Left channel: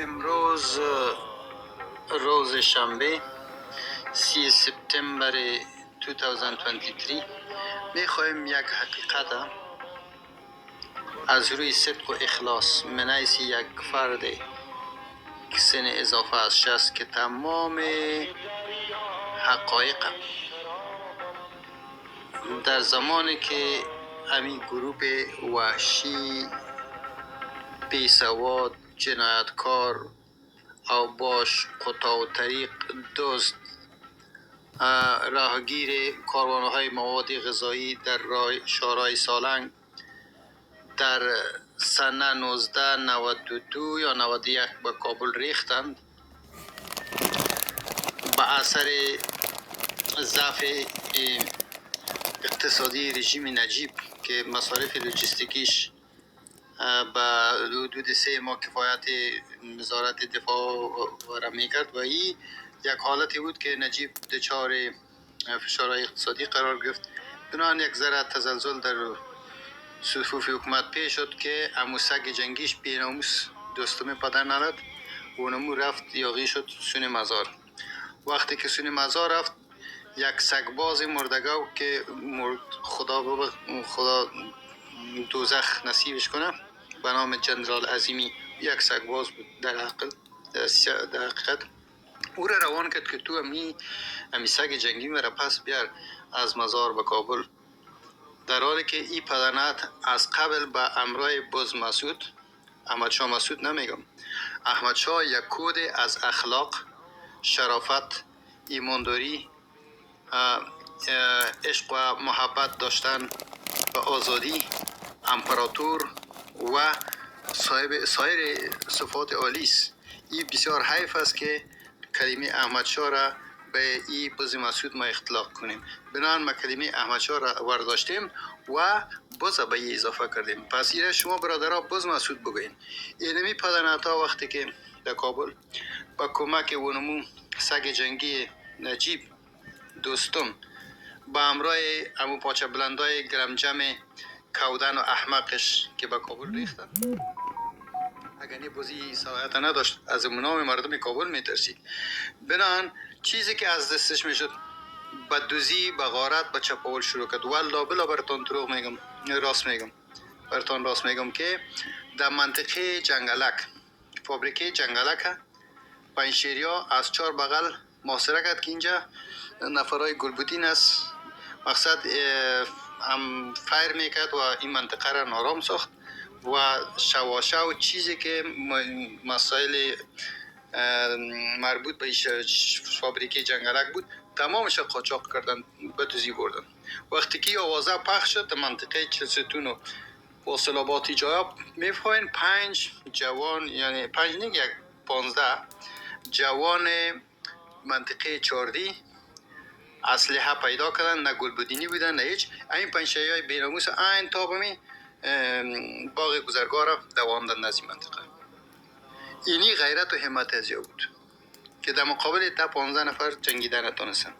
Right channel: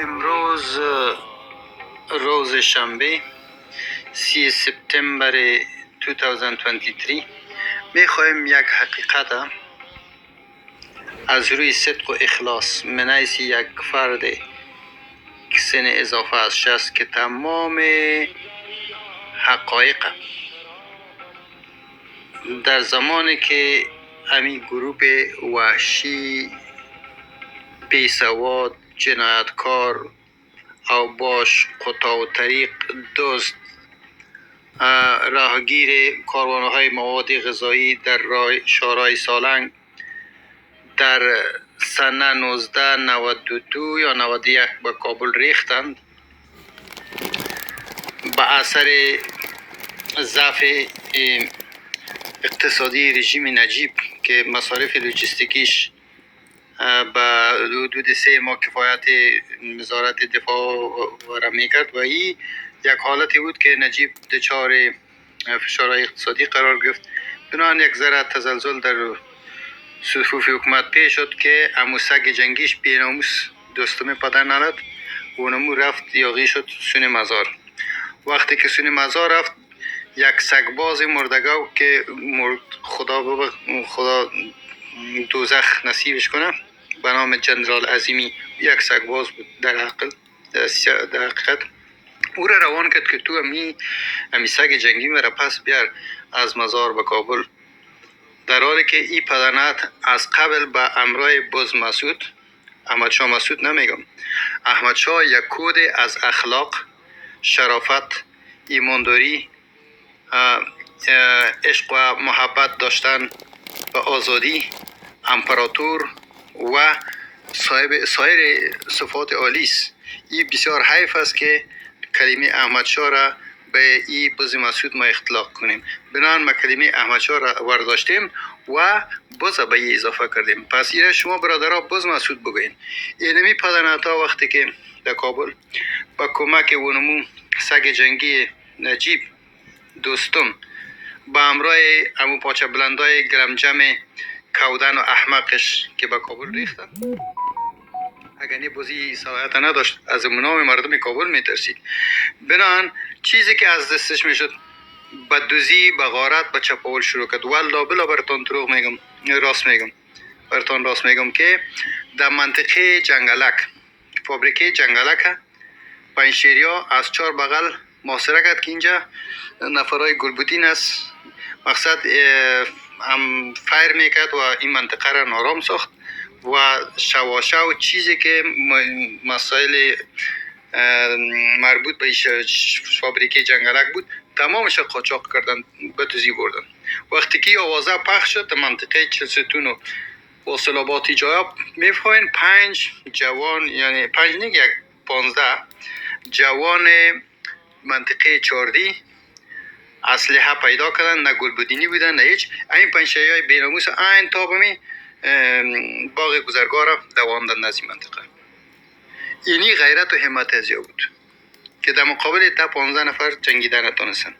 امروز روز شنبه 3 سپتامبر 2023 میخواهیم یک حقیقت از روی صدق و اخلاص من حیث یک فرد که سن اضافه از 60 که تمام حقایق در زمانی که همین گروه وحشی بیسواد جنایتکار او باش قطاع و طریق دزد راهگیر کاروانهای مواد غذایی در شارع سالنگ در سنه 1992 یا 91 به کابل ریختند. به اثر ضعف اقتصادی رژیم نجیب که مصارف لوجستیکیش به حدود 3 ماه کفایت وزارت دفاع را میکرد و این یک حالتی بود که نجیب دچار فشارهای اقتصادی قرار گرفت. بنابراین یک ذره تزلزل در صفوف حکومت پیش شد که امو سگ جنگیش بیناموس دوستم پدر نداد و اونمو رفت یاغی شد سون مزار. وقتی که سون مزار رفت یک سگباز مردگاو که خدا دوزخ نصیبش کنه به نام جنرال عظیمی، یک سگباز بود در حقیقت او را روان کرد که تو امی سگ جنگی مرا پس بیار از مزار به کابل، در حالی که این پدرنت از قبل به امرای باز مسعود، احمد شاه مسعود نمیگم، احمد شاه یک کد از اخلاق، شرافت، ایمانداری، عشق و محبت داشتن و آزادی، امپراتور و سایر صفات عالی است. این بسیار حیف است که کلمه احمد شاه را به این باز مسعود ما اختلاق کنیم. بنابراین ما کلمه احمد شاه را ورداشتیم و باز به این اضافه کردیم. پس این شما برادرها باز مسعود بگوین. اینمی پدرنتا وقتی که در کابل با کمک اونمو سگ جنگی نجیب دوستم با امرای امو پاچه بلندای گرمجم کودن و احمقش که به کابل ریختن، اگر نه بازی صلاحیت نداشت از منام مردم کابل میترسید. بنان چیزی که از دستش میشد به دوزی، به غارت، به چپاول شروع کرد. والله بلا براتون دروغ میگم، راست میگم که در منطقه جنگلک، فابریکه جنگلک پنشیریا از 4 بغل محاصره کرد که اینجا نفرای گلبودین است. مقصد هم فایر میکرد و این منطقه را نارام ساخت و شواشو چیزی که مسائل مربوط به فابریکه جنگلک بود تمامش قاچاق کردن، به دوزی بردن. وقتی که آوازه پخش شد منطقه چلستون و واصلاباتی جایا میفهمین 5 جوان، یعنی 5 نه یک 15 جوان منطقه چاردی اسلحه پیدا کردن، نه گلبودینی بودن نه هیچ. این پنشه‌های بیناموس این تابمی باغ گذرگاه دواندن از این منطقه. اینی غیرت و همت از بود که در مقابل تا 15 نفر جنگیدن نتونستن.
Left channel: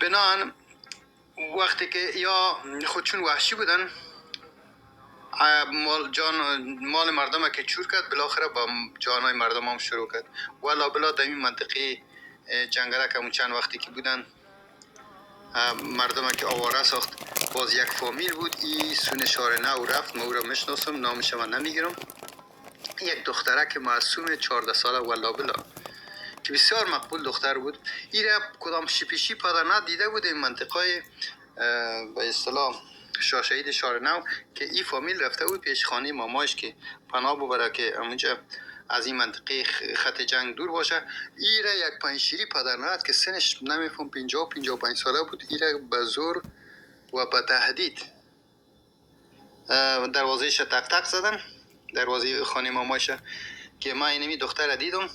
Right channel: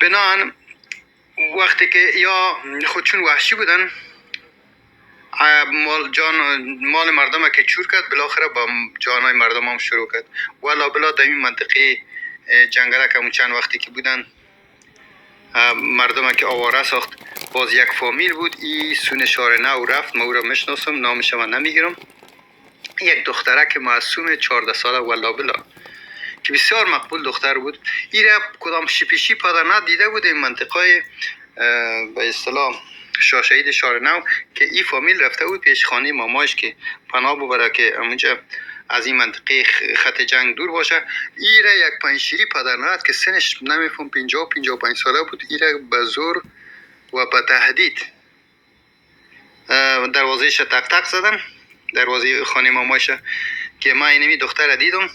بنان وقتی که یا خودشون وحشی بودن، مال مردم که چور کرد، بالاخره با جانای مردم هم شروع کرد. والا بلا در این منطقه جنگلک هم چند وقتی که بودن مردم که آواره ساخت. باز یک فامیل بود، این سون شار نو رفت، ما او را میشناسم، نامش من نمیگیرم، یک دختره که معصوم 14 ساله والا بلا که بسیار مقبول دختر بود. این را کدام شپیشی پدر ندیده بود این منطقه به اصطلاح شاه شهید شار نو که این فامیل رفته بود پیش خانه مامایش که پناه ببره که اونجا از این منطقه خط جنگ دور باشه. این را یک پنشیری پدر نداد که سنش نمیفهم 50-55 ساله بود. این را به زور و به تهدید دروازهش تق تق زدن، دروازه خانه مامایش، که من اینمی دختر را دیدم،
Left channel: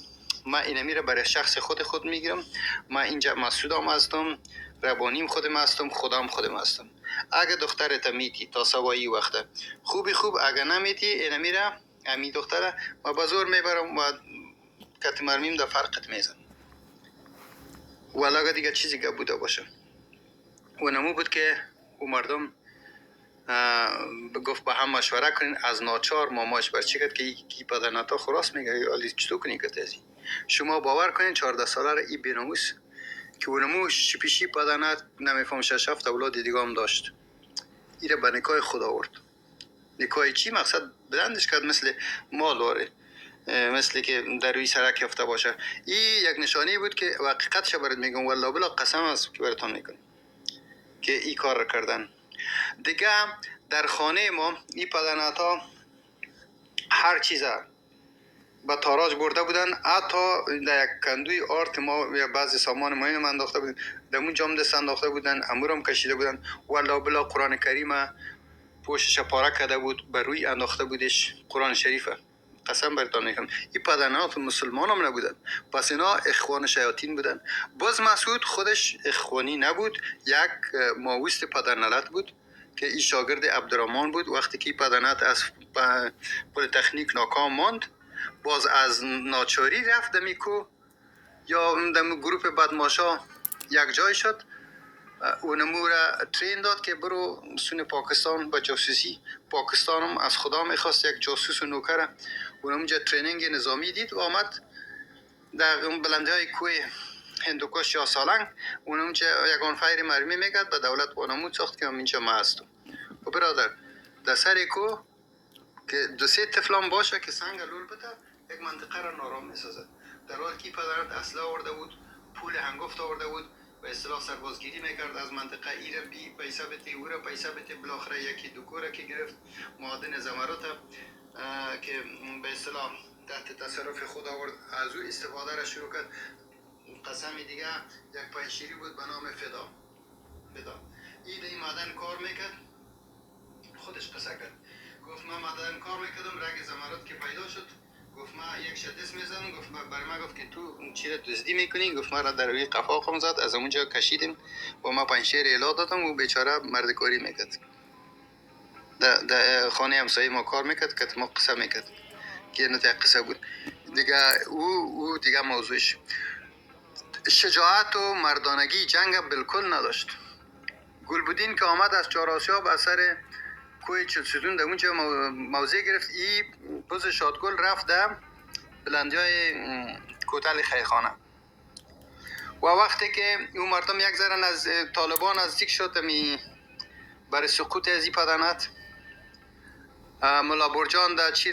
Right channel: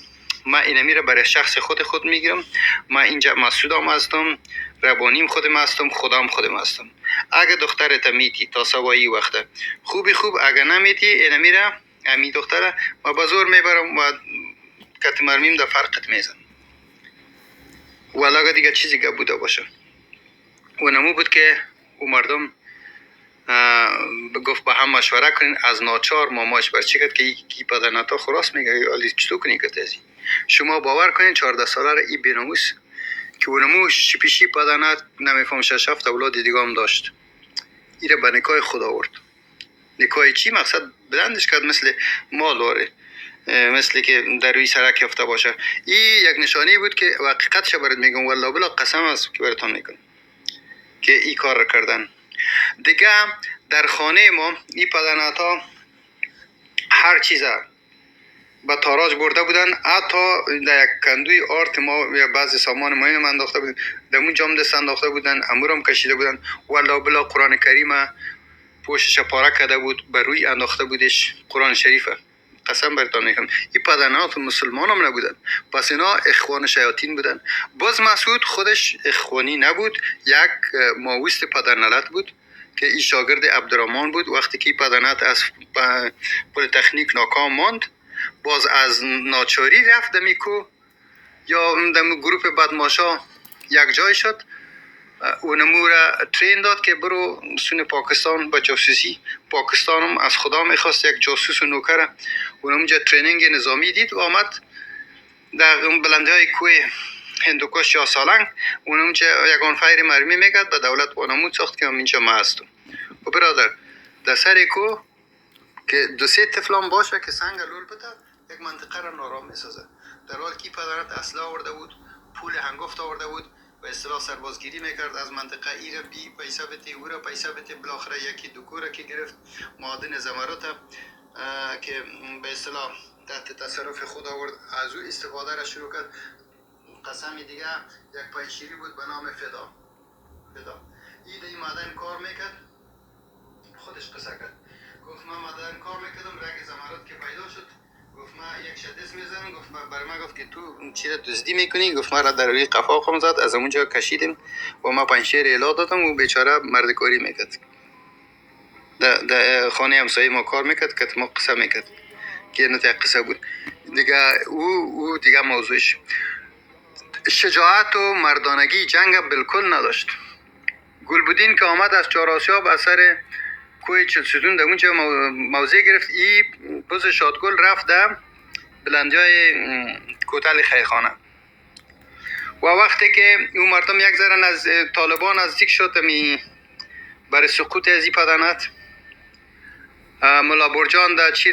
من اینمی را برای شخص خود میگیرم، من اینجا مسعودم هستم، ربانیم خودم هستم، خدام خودم هستم. اگه دخترت میتی تا سوایی وقته خوب، اگه نمیتی اینمی را امی دختره ما به زور میبرم و کت مرمیم در فرقت میزن. ولی اگه دیگه چیزی که بوده باشه و نمو بود که او مردم گفت با هم مشوره کنین. از ناچار ماماش برچی کرد که کی پدرناتا خلاص میگه علی چطور کنی که تازی شما باور کنین 14 ساله را این بیناموس که اونمو شپیشی پدرنات نمیفهم 6 7 اولاد دیگه هم داشت. ایره به نکای خود آورد. نکای چی مقصد بلندش کرد مثل مال داره، مثل که در روی سرک یافته باشه. این یک نشانی بود که حقیقتش برات میگم والله بلا قسم است که براتون میگم که این کار را کردن. دیگه در خانه ما این پدرناتا هر چیزا با تاراج برده بودن، حتی در یک کندوی آرت ما یا بعضی سامان مهم انداخته بودن، در اون جام دست انداخته بودن، امورم کشیده بودن. والله بلا قرآن کریم پوشش پاره کرده بود، بر روی انداخته بودش قرآن شریفه. قسم برتان میگم این پدرنات مسلمان هم نبودن، پس اینا اخوان شیاطین بودن. باز مسعود خودش اخوانی نبود، یک ماویست پدرنلت بود که این شاگرد عبدالرحمن بود. وقتی که پدرنت از پلیتکنیک ناکام ماند، باز از ناچاری رفت دمیکو یا دم گروپ بدماشا یک جای شد. اونمو را ترین داد که برو سون پاکستان با جاسوسی. پاکستان هم از خدا میخواست یک جاسوس و نوکر. اونموجا ترینینگ نظامی دید و آمد در بلنده های کوه هندوکش یا سالنگ. اونموجا یگان فایر مرمی میگد به دولت وانمود ساخت که اینجا ما هستم. و برادر در سر کو که دو سه طفلان باشه که سنگ لور بده یک منطقه را نارام میسازد. در حال که پدرت اسلحه آورده بود، پول هنگفت آورده بود و اصطلاح سربازگیری میکرد از منطقه ایره بی پیسه بده او را پیسه بده. بالاخره یکی دوکوره که گرفت معادن زمرد که به اصطلاح تحت تصرف خود آورد، از او استفاده را شروع کرد. قسم دیگه یک پنشیری بود به نام فدا. این معدن کار میکرد، خودش قصه کرد. گفت من معدن کار میکردم، رگ زمرد که پیدا شد، گفت من یک شدس میزنم. گفت برای من گفت که تو چی را دزدی میکنی؟ گفت من را در روی قفا خم زد، از اونجا کشیدیم و ما پنشیر الا دادم و بیچاره مردکاری میکرد. در خانه همسایه ما کار میکرد که ما قصه میکرد که نه قصه بود دیگه. او دیگه موضوعش شجاعت و مردانگی جنگ بالکل نداشت. گلبدین که آمد از چهار آسیاب اثر کوه چلسدون در اونجا موضع گرفت. ای بز شادگل رفت در بلندیای کوتل خیخانه و وقتی که اون مردم یک ذره از طالبان نزدیک شد برای سقوط از این پدنت، ملا برجان در چی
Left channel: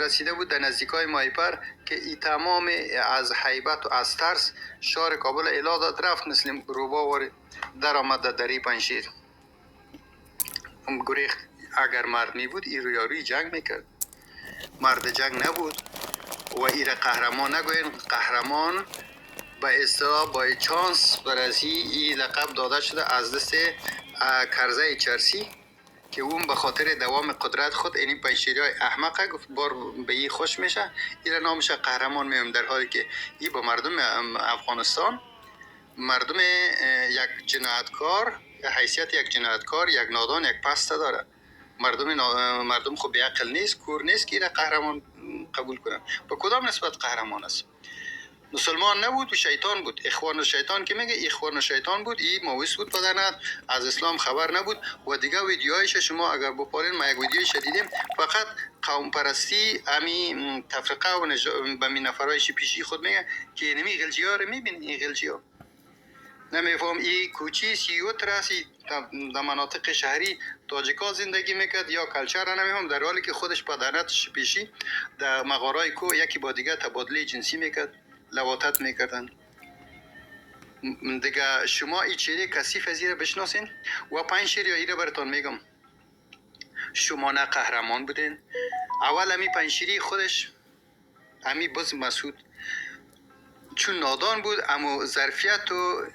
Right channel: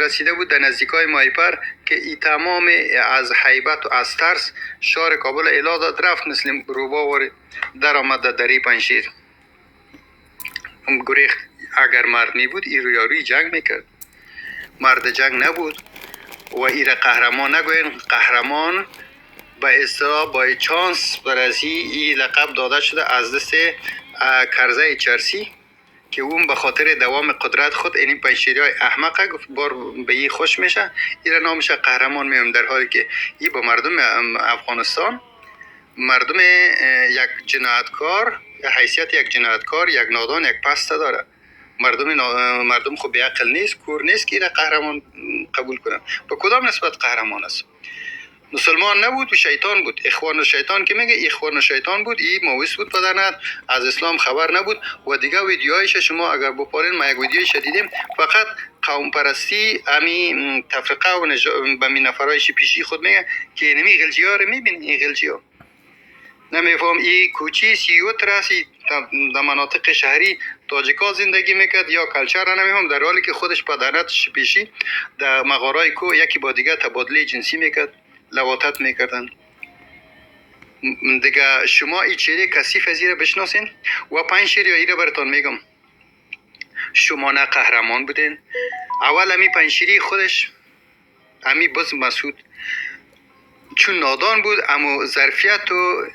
رسیده بود در نزدیکای مایپر که ای تمام از حیبت و از ترس شهر کابل اعلا داد، رفت مثل روبا در آمد در دری پنشیر. گریخت. اگر مرد می بود ای رویاروی جنگ میکرد، مرد جنگ نبود و ایره قهرمان نگوین. قهرمان به اصطلاح با چانس برازی این لقب داده شده از دست کرزه چرسی که اون به خاطر دوام قدرت خود این پنشیری های احمقه گفت بار به این خوش میشه، این نامش قهرمان میام، در حالی که این با مردم افغانستان، مردم یک جنایتکار، حیثیت یک جنایتکار، یک نادان، یک پسته داره. مردم خب به عقل نیست، کور نیست که این قهرمان قبول کنه. با کدام نسبت قهرمان است؟ مسلمان نبود و شیطان بود. اخوان و شیطان که میگه اخوان و شیطان بود. این مویس بود پدرنت، از اسلام خبر نبود. و دیگه ویدیوهایش شما اگر بپارین، ما یک ویدیوی شدیدیم، فقط قوم پرستی امی تفرقه و به می نفرایش پیشی خود میگه که نمی غلجی ها رو میبین. این غلجی ها نمیفهم این کوچی 31 راسی در مناطق شهری تاجیکا زندگی میکرد یا کلچر را نمیفهم، در حالی که خودش پدرنت پیشی در مغارای کو یکی با دیگه تبادله جنسی میکرد، لواطت میکردن. دیگه شما این چهره کثیف از ایره بشناسین و پنشیر یا ایره براتون میگم. شما نه قهرمان بودین. اول امی پنشیری خودش، امی بز مسعود چون نادان بود، اما ظرفیت و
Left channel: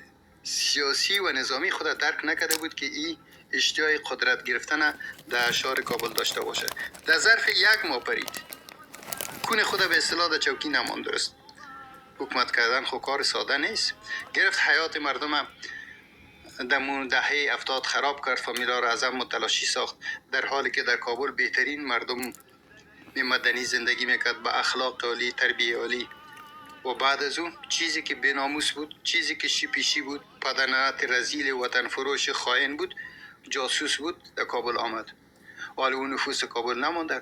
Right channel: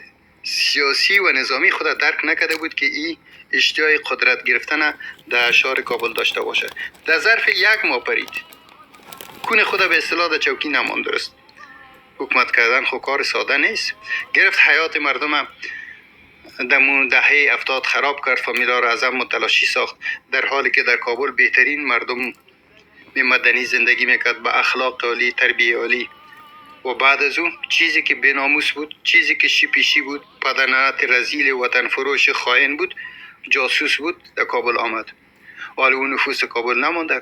سیاسی و نظامی خود درک نکرده بود که این اشتیاق قدرت گرفتن در شهر کابل داشته باشه. در ظرف یک ماه پرید، کون خود به اصطلاح در چوکی نماند. درست حکومت کردن خب کار ساده نیست. گرفت حیات مردم در دهه 70 خراب کرد، فامیلا را از هم متلاشی ساخت، در حالی که در کابل بهترین مردم مدنی زندگی میکرد با اخلاق عالی، تربیه عالی. و بعد از اون چیزی که بیناموس بود، چیزی که شپیشی بود، پدرنت رزیل وطن فروش خائن بود، جاسوس بود در کابل آمد. حالا اون نفوس کابل نمانده.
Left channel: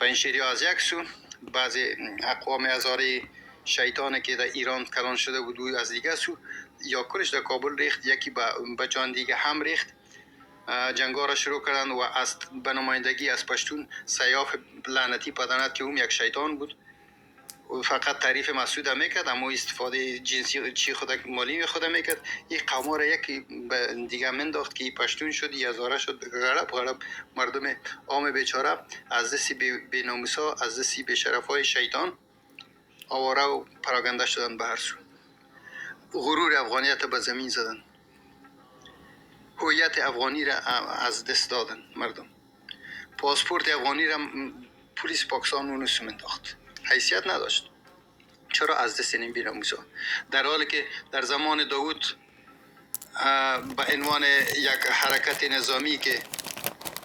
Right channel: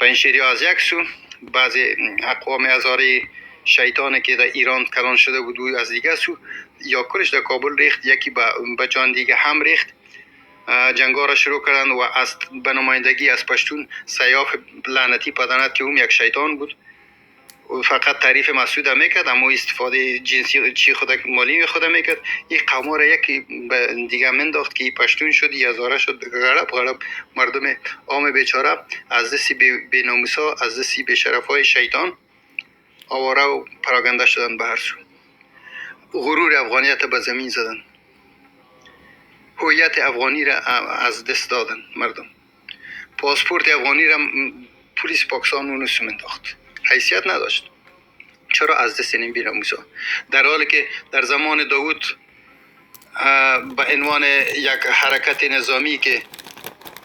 پنجشیری از یک سو، بعضی اقوام هزاره شیطانی که در ایران کلان شده بود و از دیگه سو یا کلش در کابل ریخت، یکی به جان دیگه هم ریخت. جنگا را شروع کردن و از به نمایندگی از پشتون سیاف لعنتی پدنت که اون یک شیطان بود فقط تعریف مسعود میکرد، اما استفاده جنسی چی خود مالی خود میکرد. این قوم را یکی دیگه منداخت که پشتون شد، یزاره شد، غرب مردم عام بیچاره از دست بی ناموسا، از دست بی شرفای شیطان آواره و پراگنده شدن به هر سو. غرور افغانیت به زمین زدن، هویت افغانی را از دست دادن مردم. پاسپورت افغانی را پلیس پاکستان اونو سمنداخت، حیثیت نداشت. چرا؟ از دست این بی‌ناموسا. در حالی که در زمان داوود به عنوان یک حرکت نظامی که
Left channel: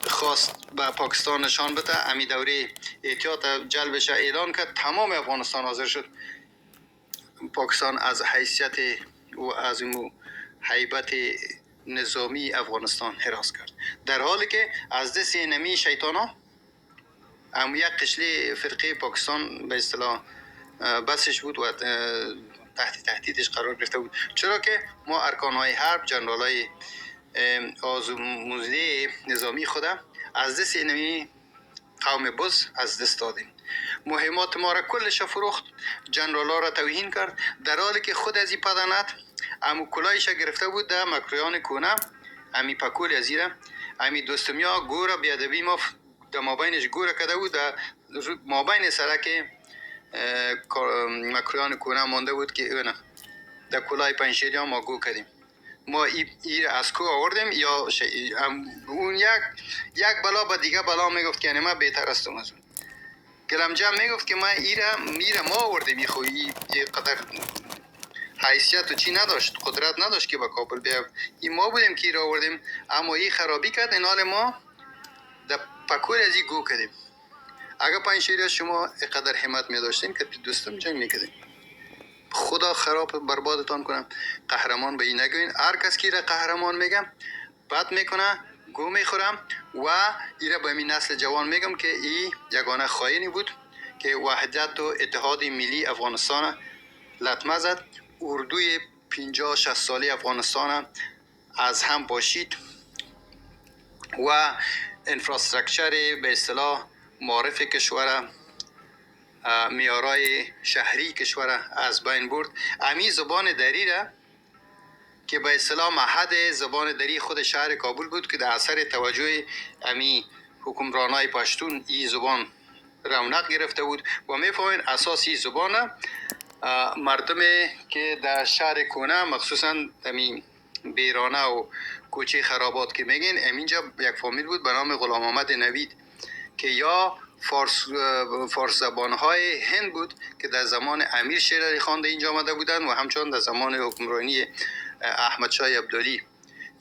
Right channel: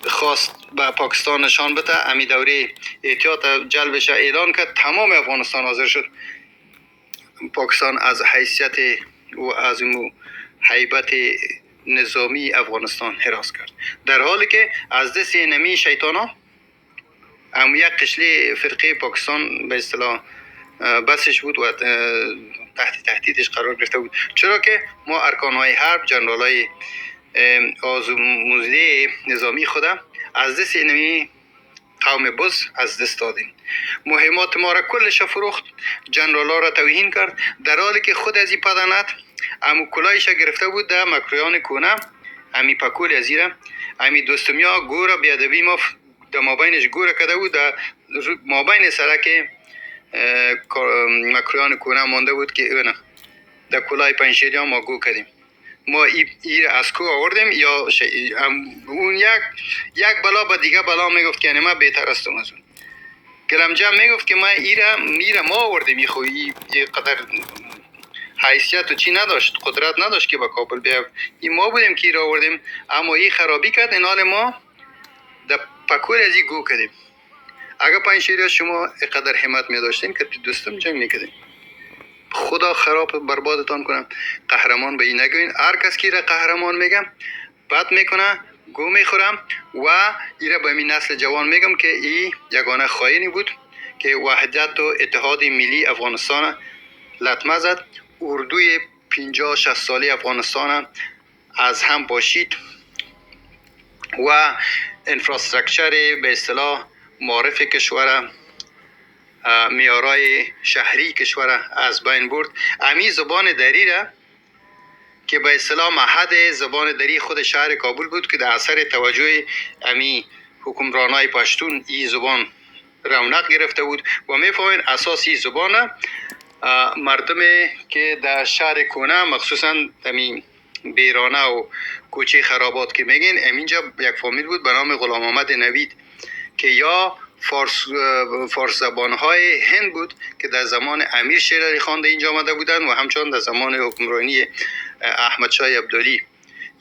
خواست به پاکستان نشان بده، امی دوره احتیاط جلبش اعلان کرد، تمام افغانستان حاضر شد. پاکستان از حیثیت و از هیبت نظامی افغانستان حراس کرد، در حالی که از دست نمی شیطانا یک قشلی فرقه پاکستان به اصطلاح بسش بود و تهدیدش قرار گرفته بود. چرا که ما ارکانهای حرب، جنرالای آزموزده نظامی خودم از دست نمی قوم بز از دست دادیم. مهمات ما را کلش فروخت، جنرالا را توهین کرد، در حالی که خود از این پدنت امو کلایش گرفته بود در مکرویان کونه، امی پکول ازیره، امی دوستمیا گورا بیادبی ما در مابینش گورا کده بود، در مابین سرک مکرویان کونه مانده بود که اونه در کلای پنجشیری ما گو کردیم. ما ایر از کو آوردیم یا اون یک بلا با دیگه بلا میگفت که ما بهتر هستم از اون. گرمجم میگفت که ما ایره ما آوردیم، این قدر حیثیت و چی نداشت، قدرت نداشت که با کابل بیایم. این ما بودیم که ایره آوردیم، اما این خرابی کرد. این حال ما در پکور از این گو کردیم. اگر پنجشیری شما قدر همت می داشتین که دوستم جنگ میکردیم. خدا خراب بربادتان کنم. قهرمان به این نگوین. هر کس که را قهرمان میگم بد میکنه، گو میخورم و ایره به این نسل جوان میگم که این یگانه خائنی بود که وحدت و اتحاد ملی افغانستان لطمه زد. اردوی 50-60 سالی افغانستان از هم باشید و انفراسترکچر به اصطلاح معرف کشور، میارای شهری کشور از بین برد. امی زبان دری را که به اصطلاح معهد زبان دری خود شهر کابل بود که در اثر توجه امی حکمرانای پشتون این زبان رونق گرفته بود و میفهمین اساسی زبان مردم که در شهر کونه مخصوصا امی بیرانه و کوچه خرابات که میگین، امینجا یک فامیل بود به نام غلام محمد نوید که یا فارس زبانهای هند بود که در زمان امیر شیر علی خان اینجا آمده بودند و همچنان در زمان حکمرانی احمد شاه ابدالی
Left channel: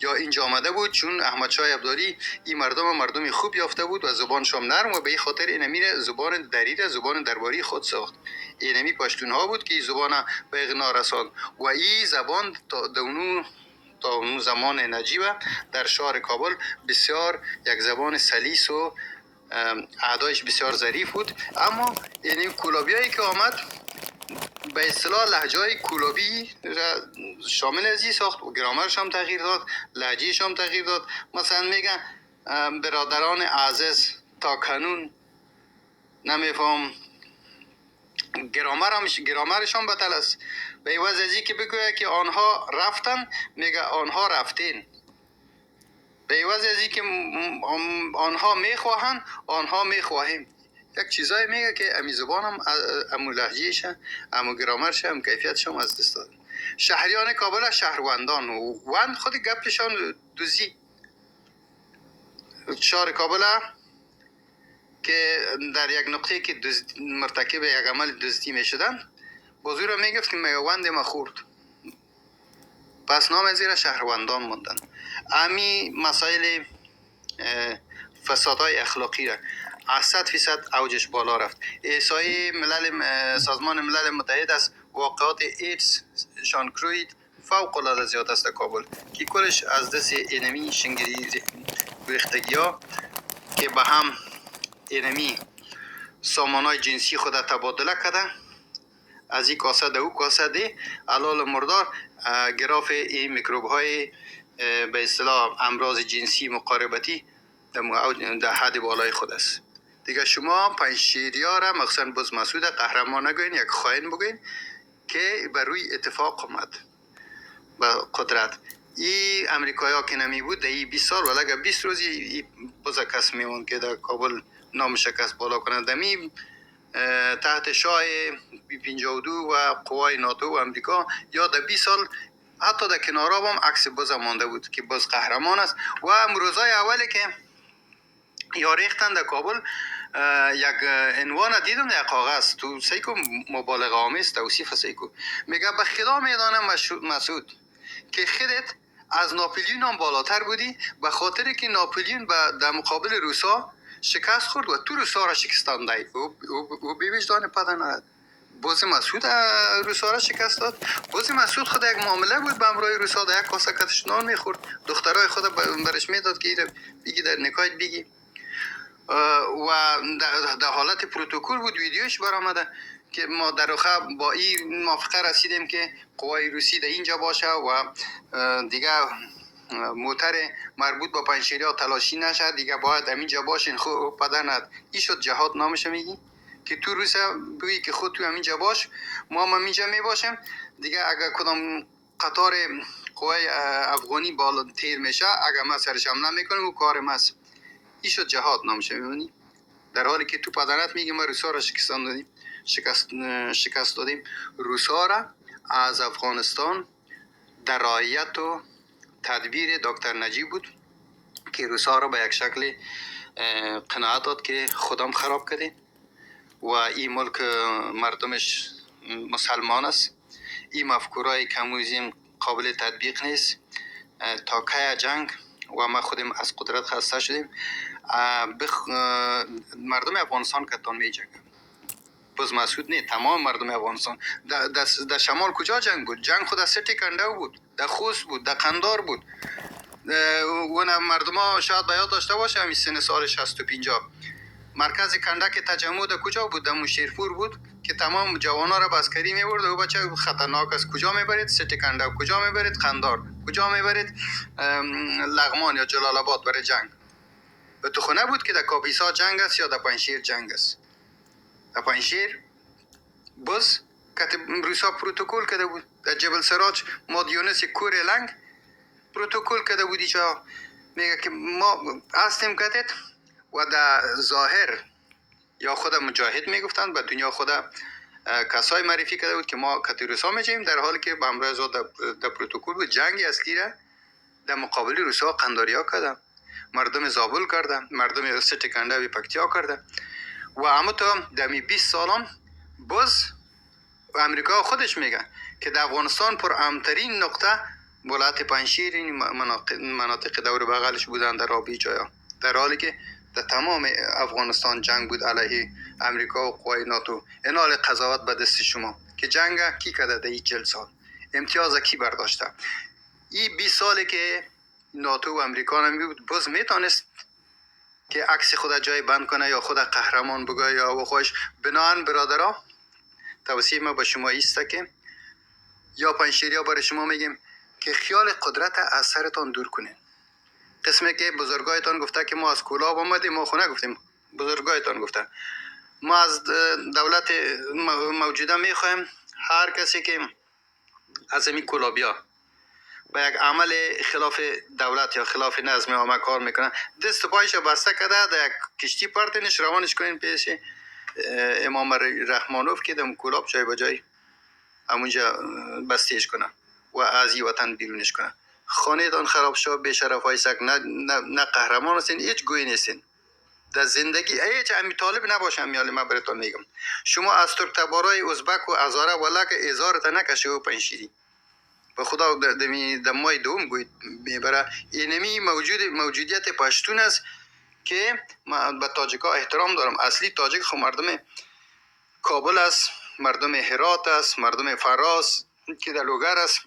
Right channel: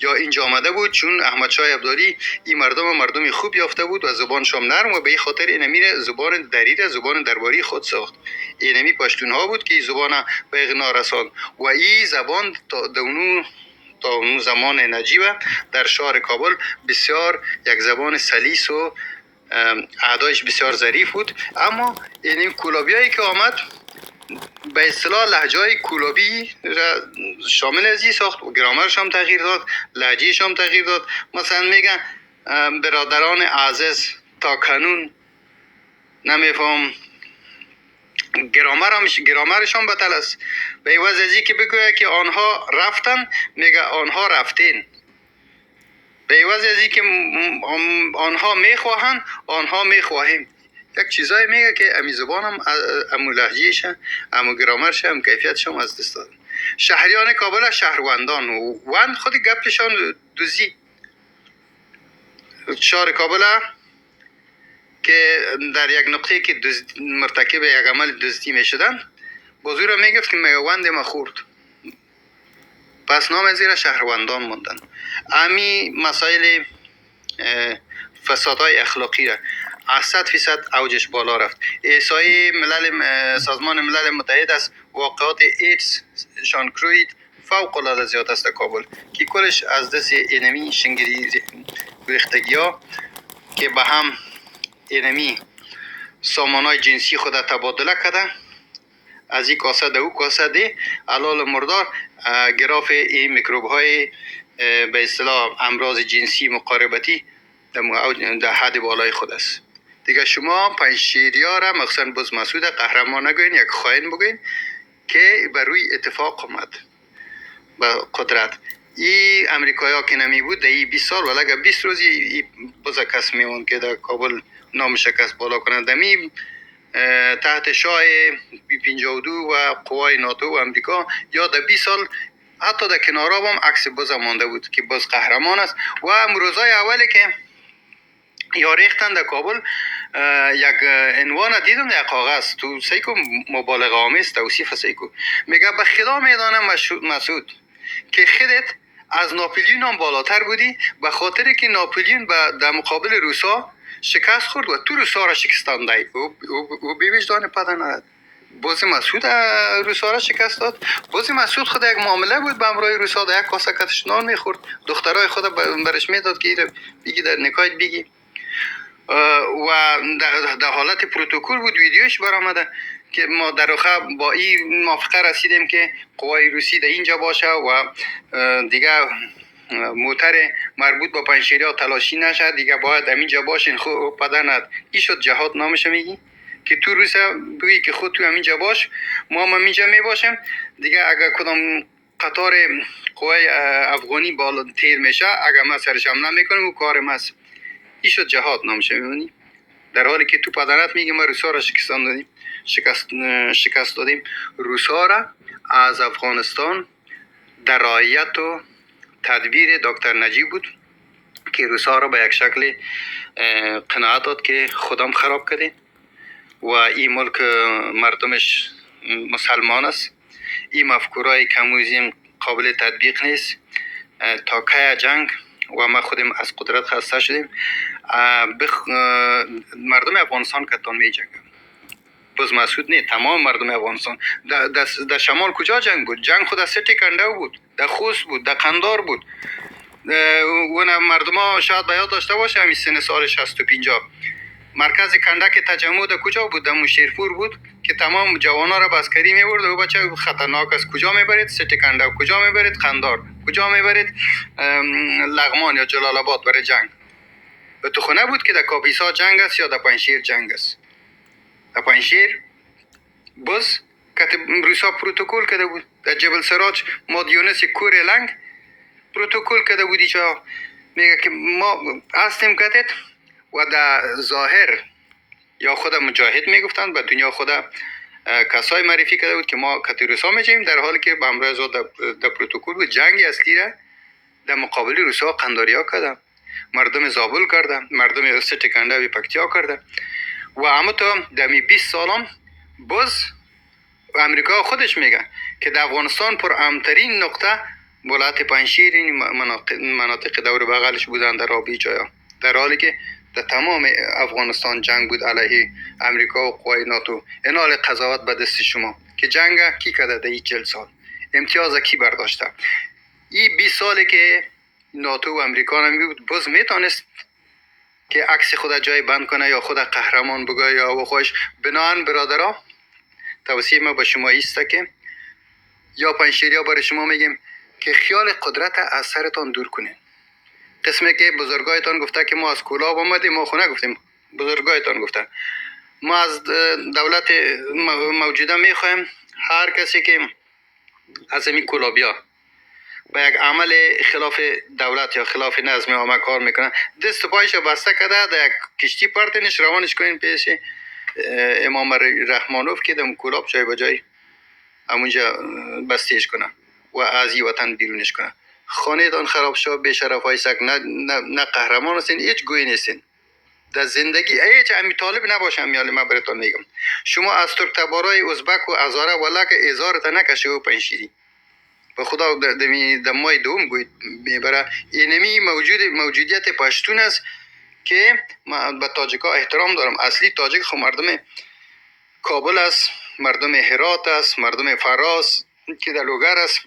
یا اینجا آمده بود، چون احمد شاه ابدالی این مردم خوب یافته بود و زبانشان نرم و به این خاطر اینمی زبان دری را زبان درباری خود ساخت. اینمی پشتون ها بود که این زبان به اغنا رساند و این زبان تا اون زمان نجیب در شهر کابل بسیار یک زبان سلیس و اعدایش بسیار ظریف بود. اما این کولابی هایی که آمد به اصطلاح لهجه های کولابی را شامل ازی ساخت و گرامرش هم تغییر داد، لهجهش هم تغییر داد. مثلا میگن برادران عزیز تا کنون نمیفهم، گرامرش هم بطل است. به عوض ازی که بگوید که آنها رفتن، میگه آنها رفتین. به عوض ازی که آنها میخواهند، آنها میخواهیم. یک چیزایی میگه که امی زبان هم امو لهجهش امو گرامرش هم کیفیتش هم از دست داد. شهریان کابل شهروندان و وند خود گپشان دوزی. شهر کابل که در یک نقطه که مرتکب یک عمل دزدی میشدن بازوی را میگفت که میوند ما خورد، پس نام زیر شهروندان موندن. امی مسائل فسادهای اخلاقی را 100% اوجش بالا رفت. احصای سازمان ملل متحد از واقعات ایدز شان کروید فوق العاده زیاد است در کابل که کلش از دست اینمی شنگری ریختگی ها که به هم اینمی سامانای جنسی خود تبادله کرده، از این کاسه در او کاسه دی علال مردار گراف این میکروب های به اصطلاح امراض جنسی مقاربتی در حد بالای خود است. دیگه شما پنجشیریا را مخصوصا بز مسعود قهرمان نگوین، یک خائن بگوین که بر روی اتفاق آمد با قدرت. این امریکایی ها که نمی بود در این 20 سال ولی اگر 20 روزی بز کس میمون که در کابل نام شکست بالا کنند دمی تحت شاه 52 و قوای ناتو و امریکا یا در 20 سال حتی در کنارا هم عکس بز مانده بود که بز قهرمان است. و امروزای اولی که یا ریختن در کابل یک عنوان دیدم در کاغذ تو سیکو مبالغه آمیز توصیف سیکو میگه به خدا میدانم مسعود که خودت از ناپلیون هم بالاتر بودی به خاطر که ناپلیون در مقابل روسا شکست خورد و تو روسا را شکستان دهی او بیوجدان پدر نداد. باز مسعود روسا را شکست داد. باز مسعود خود یک معامله بود به امرای روسا در یک کاسه کتش نان میخورد، دخترای خود برش میداد که بگی در نکایت بگی و در حالت پروتکل بود. ویدیوش برآمده که ما در آخر با این موافقه رسیدیم که قوای روسی در اینجا باشه و دیگه موتر مربوط با پنجشیریا تلاشی نشه، دیگه باید همینجا باشین. خب پدرند این شد جهاد نامش میگی که تو روسیه بگی که خود تو همینجا باش، ما هم همینجا میباشیم دیگه. اگر کدام قطار قوای افغانی بالا تیر میشه اگر ما سرش حمله میکنیم و کار ماست. این شد جهاد نامش میمونی، در حالی که تو پدرت میگه ما روسا را شکست دادیم. روسا را از افغانستان در رعایت و تدبیر دکتر نجیب بود که روسا را به یک شکل قناعت داد که خودم خراب کردیم و این ملک مردمش مسلمان است. این مفکورای کمونیسم قابل تطبیق نیست. تا که جنگ و ما خودم از قدرت خسته شدیم. مردم افغانستان کتان می جنگن، بز مسعود نه، تمام مردم افغانستان. در شمال کجا جنگ بود؟ جنگ خود از سه تکنده بود، در خوست بود، در قندار بود. و مردم ها شاید بیاد داشته باشه همین سن سال 60 و 50 مرکز کندک تجمع در کجا بود؟ در مشیرپور بود که تمام جوانا را بسکری میبرد و بچه خطرناک است. کجا میبرید؟ سه کندک. کجا میبرید؟ قندار. کجا میبرید؟ لغمان یا جلال آباد برای جنگ. و تو خونه بود که در کاپیسا جنگ است یا در پنجشیر جنگ است. در پنجشیر بز که روسا پروتکل کرده بود. در جبل سراج مادیونس کور لنگ پروتکل کرده بودی چا میگه که ما هستیم کتت و در ظاهر یا خود مجاهد میگفتند به دنیا خود کسای معرفی کرده بود که ما کت روسا میجیم، در حالی که به امروز در پروتکل بود. جنگی اصلی را در مقابل روسا قنداریا کرده، مردم زابل کرده، مردم ستکنده و پکتیا کرده. و اما تا دمی 20 سالم باز امریکا خودش میگه که در افغانستان پر امترین نقطه ولایت پنجشیر این مناطق دور بغلش بودن در آبی جایا، در حالی که در تمام افغانستان جنگ بود علیه امریکا و قوای ناتو. این حال قضاوت به دست شما که جنگ کی کرده در این 40 سال، امتیاز کی برداشته. این 20 ساله که ناتو و امریکا نمی بود باز میتونست که عکس خود جای بند کنه یا خود قهرمان بگه یا و خوش. بنان برادرها توصیه ما به شما ایسته که یا پنجشیریا برای شما میگیم که خیال قدرت از سرتان دور کنین. قسمی که بزرگایتان گفته که ما از کلاب آمدیم، ما خونه گفتیم بزرگایتان گفته ما از دولت موجوده میخوایم هر کسی که از این کلابیا با یک عمل خلاف دولت یا خلاف نظم عامه کار میکنن دست و پایش بسته کرده در یک کشتی پرتنش روانش کنین پیش امام رحمانوف که در کلاب جای به جای همونجا بستیش کنه و از این وطن بیرونش کنه. خانه دان خراب شد، بی‌شرف های سگ نه قهرمان هستین، هیچ گوی نیستین در زندگی. هیچ امی طالب نباشم میالی ما براتون میگم. شما از ترک تبارای ازبک و ازاره ولا که ازارت نکشه و پنجشیری به خدا در ماه دوم گوید میبره. اینمی موجودیت پشتون است که من به تاجیکا احترام دارم. اصلی تاجیک خب مردم کابل است، مردم هرات است، مردم فراس که در لوگر است،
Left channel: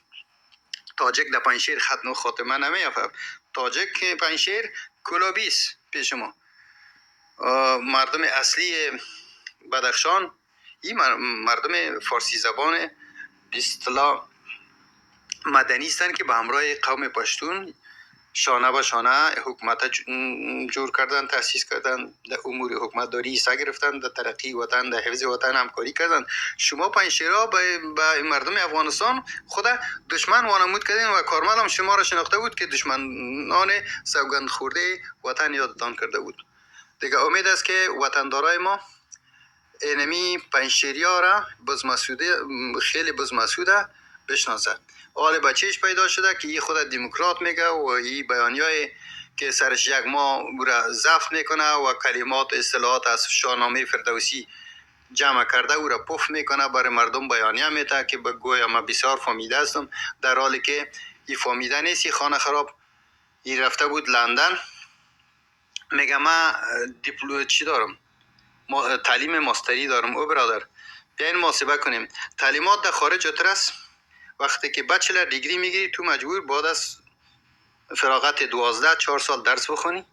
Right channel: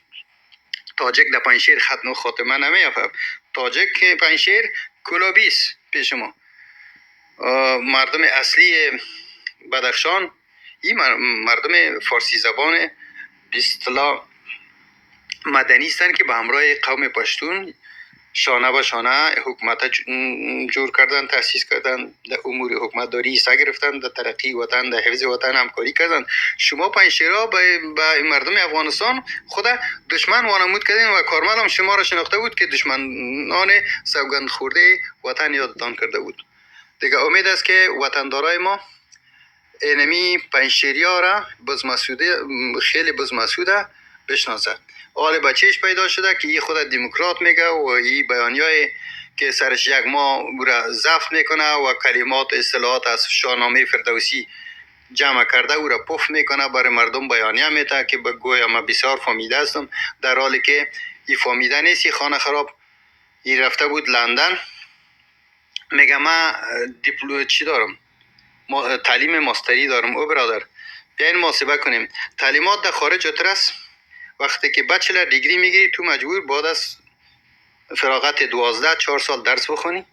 تاجک در پنجشیر ختم خاتمه نمیافت. تاجک پنجشیر کلابی است پیش ما. مردم اصلی بدخشان این مردم فارسی زبان به اصطلاح مدنی هستند که به همراه قوم پشتون شانه به شانه حکومت جور کردن، تاسیس کردن، در امور حکومتداری حصه گرفتن، در ترقی وطن، در حفظ وطن همکاری کردن. شما پنجشیرها به مردم افغانستان خود دشمن وانمود کردین و کارمل هم شما را شناخته بود که دشمنان سوگند خورده وطن یادتان کرده بود. دیگه امید است که وطندارای ما اینمی پنجشیریا را بزمسوده خیلی بزمسوده بشناسه. حال بچهش پیدا شده که این خود دموکرات میگه و این بیانیای که سرش یک ماه را ضبط میکنه و کلمات و اصطلاحات از شاهنامه فردوسی جمع کرده او را پف میکنه برای مردم بیانیه میده که به گویا ما بسیار فهمیده هستم، در حالی که این فهمیده نیست. این خانه خراب این رفته بود لندن، میگه من چی دارم، تعلیم ماستری دارم. او برادر بیاین محاسبه کنیم، تعلیمات در خارج است. وقتی که بچلر دیگری میگیری تو مجبور بعد از فراغت 4 سال درس بخونی،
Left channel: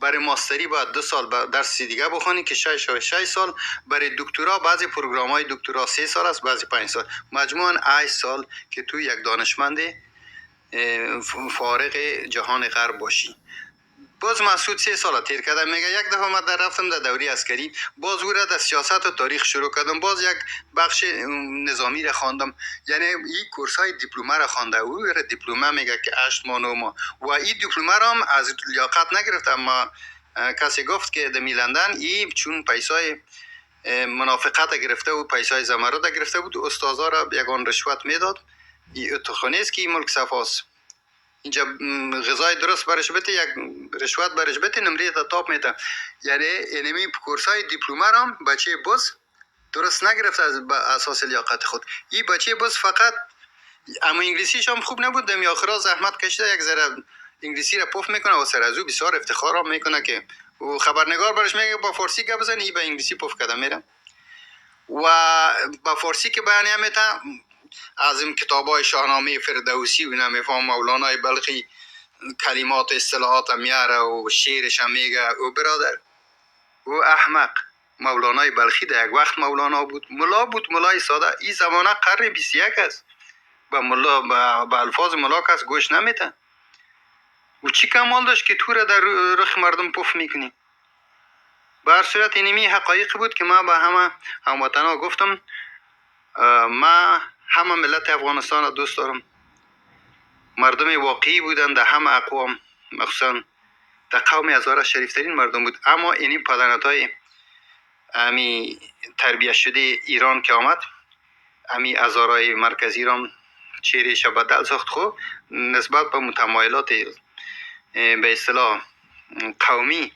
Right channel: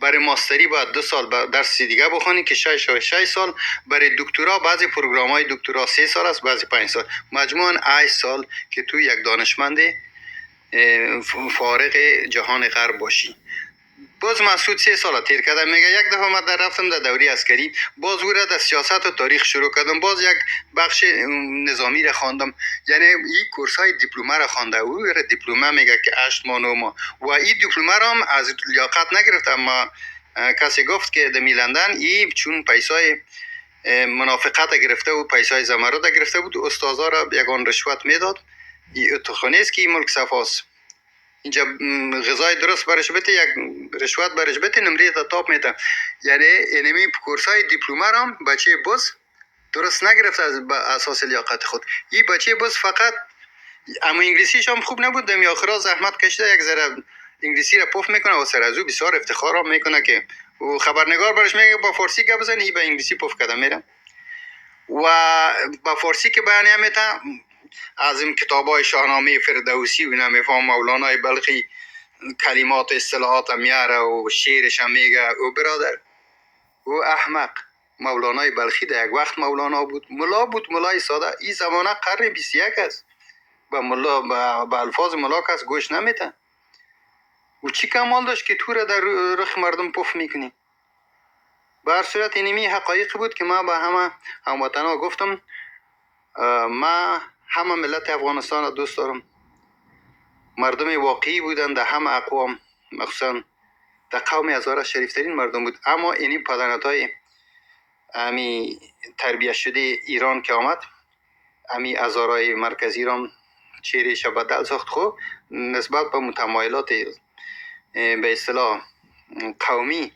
برای ماستری باید 2 سال درس دیگه بخونی که 6 سال، برای دکترا بعضی پروگرام های دکترا 3 سال است، بعضی 5 سال، مجموعاً 8 سال که تو یک دانشمند فارغ جهان غرب باشی. باز مسعود 3 سال تیر کردم. میگه یک دفعه من رفتم در دوره عسکری، باز او را در سیاست و تاریخ شروع کردم، باز یک بخش نظامی را خواندم. یعنی این کورس های دیپلمه را خوانده. او را دیپلمه میگه که 8 ماه 9 ماه و این دیپلمه را هم از لیاقت نگرفتم. ما کسی گفت که در لندن این چون پیسای منافقت گرفته و پیسای زمرد گرفته بود، استادا را یگان رشوت میداد. این اتخانه است که این ملک صفاست، اینجا غذای درست برش بده یک رشوت برش بده نمره تا تاپ میده. یعنی اینمی کورسای دیپلمه هم بچه بز درست نگرفت از اساس لیاقت خود. این بچه بز فقط اما انگلیسیش هم خوب نبود، دمی آخرا زحمت کشیده یک ذره انگلیسی را پف میکنه و سر از او بسیار افتخار هم میکنه که و خبرنگار برش میگه با فارسی گپ بزنی، این به انگلیسی پف کده میره و با فارسی که بیانیه میده. از این کتابای شاهنامه فردوسی و نمیفهم مولانای بلخی کلمات و اصطلاحات میاره و شعرش هم میگه. او برادر او احمق، مولانای بلخی در یک وقت مولانا بود، ملا بود، ملای ساده. این زمانه قرن 21 است، به ملا به الفاظ ملا کس گوش نمیده. و چی کمال داشت که تو را در رخ مردم پف میکنی؟ به هر صورت اینمی حقایق بود که ما به همه هموطنا گفتم. ما همه ملت افغانستان را دوست دارم. مردم واقعی بودن در همه اقوام، مخصوصا در قوم هزاره شریفترین مردم بود. اما اینی پدنت های امی تربیت شده ایران که آمد، امی هزارای مرکزی را چهرهش بدل ساخت. خب نسبت به متمایلات به اصطلاح قومی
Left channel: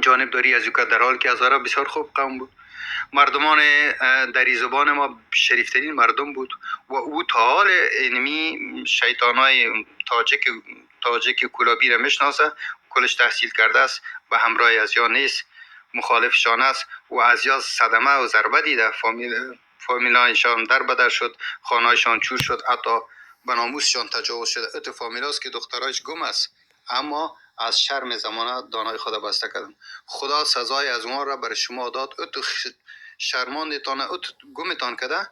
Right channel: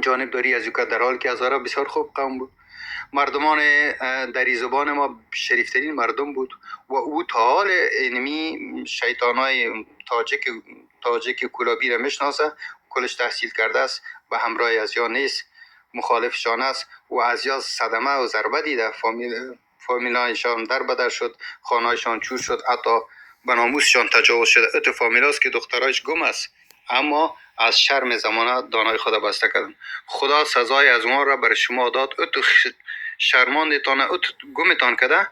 جانبداری از یوکا، در حال که هزاره بسیار خوب قوم بود. مردمان دری زبان ما شریفترین مردم بود و او تا حال اینمی شیطانای تاجک کلابی را میشناسه، کلش تحصیل کرده است، به همراه از یا نیست، مخالفشان است و از یا صدمه و ضربه دیده. فامیلایشان در بدر شد، خانهایشان چور شد، حتی به ناموسشان تجاوز شده. ات فامیلاست که دخترایش گم است، اما از شرم زمانه دانای خدا بسته کردن. خدا سزای از ما را بر شما داد. ات شرماندتان، ات گمتان کده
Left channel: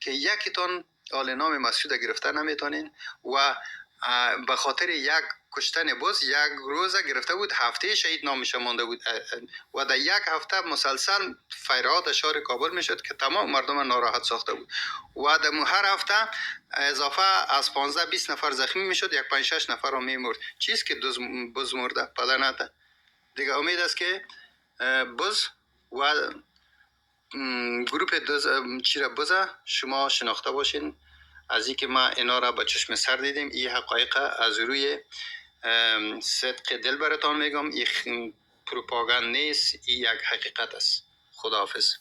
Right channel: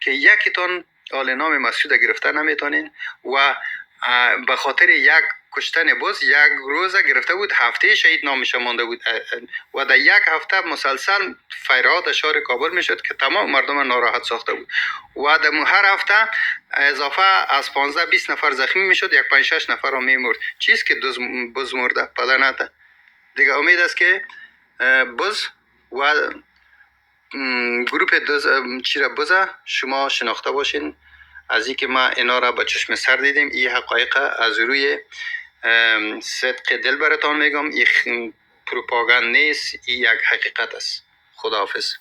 که یکیتان آل نام مسعود گرفته نمیتونین و به خاطر یک کشتن بز یک روزه گرفته بود، هفته شهید نامش مانده بود و در یک هفته مسلسل فیرات شهر کابل میشد که تمام مردم ناراحت ساخته بود و در هر هفته اضافه از 15-20 نفر زخمی میشد، یک 5-6 نفر رو میمرد. چیز که بز مرده پدنته دیگه. امید است که بز و گروپ چیره بزه شما شناخته باشین. از اینکه ما اینا را با چشم سر دیدیم، این حقایق از روی صدق دل براتان میگم. این پروپاگاند نیست، این یک حقیقت است. خداحافظ.